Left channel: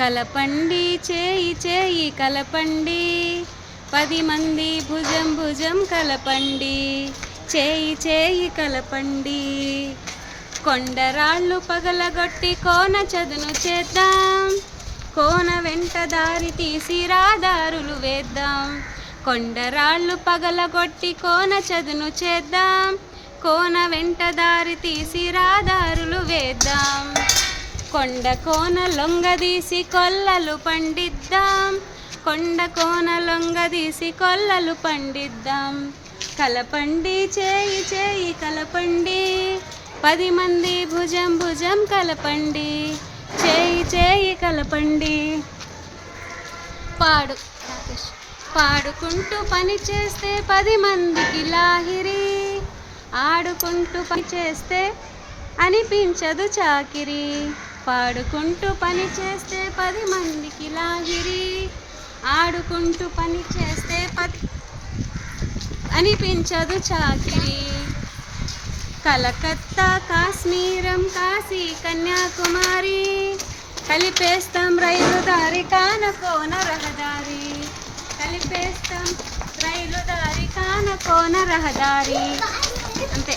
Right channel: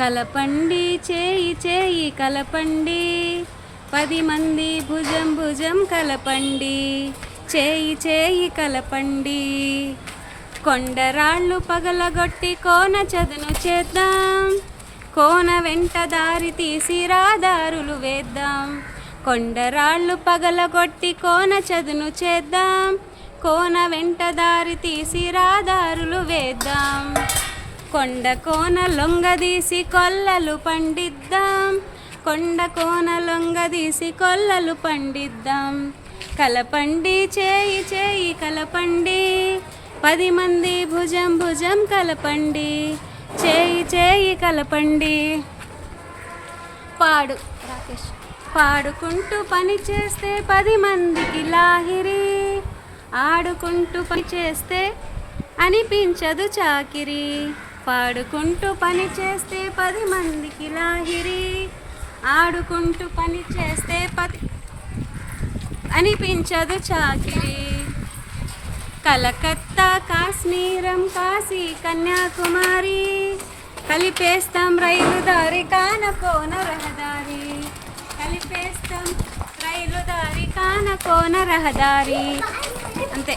కలపండి చేయి చేయి కలపండి, 10 మంది భుజం భుజం కలపండి, చేయి చేయి కలపండి. కొండరాళ్ళు పగలగొట్టి కోన చదును చేద్దాం, కోన వెంట దారి తీసి రాదారులు వేద్దాం. కొండరాళ్ళు పగలగొట్టి కోన చదును చేద్దాం, కోన వెంట దారి తీసి రాదారులు వేద్దాం. కొండ కోన లొంగదీసి కొల్లలు పండిద్దాం, కొండ కోన లొంగదీసి కొల్లలు పండిద్దాం. కలపండి చేయి చేయి కలపండి, 10 మంది భుజం భుజం కలపండి, చేయి చేయి కలపండి. పాడుకుంటూ పని చేస్తే 10 మందికి లాహిరి, ఆడుకుంటూ పని చేస్తే అనిపించదు చాకిరి. పాడుకుంటూ పని చేస్తే 10 మందికి లాహిరి, ఆడుకుంటూ పని చేస్తే అనిపించదు చాకిరి. కలకత్తా కాశ్మీరం కాశీ కన్యాకుమారి, కలిపేస్తాం రైలు దారి కాన కోన రహదారి, కలిపేస్తాం రైలు దారి కాన కోన రహదారి. అంతే.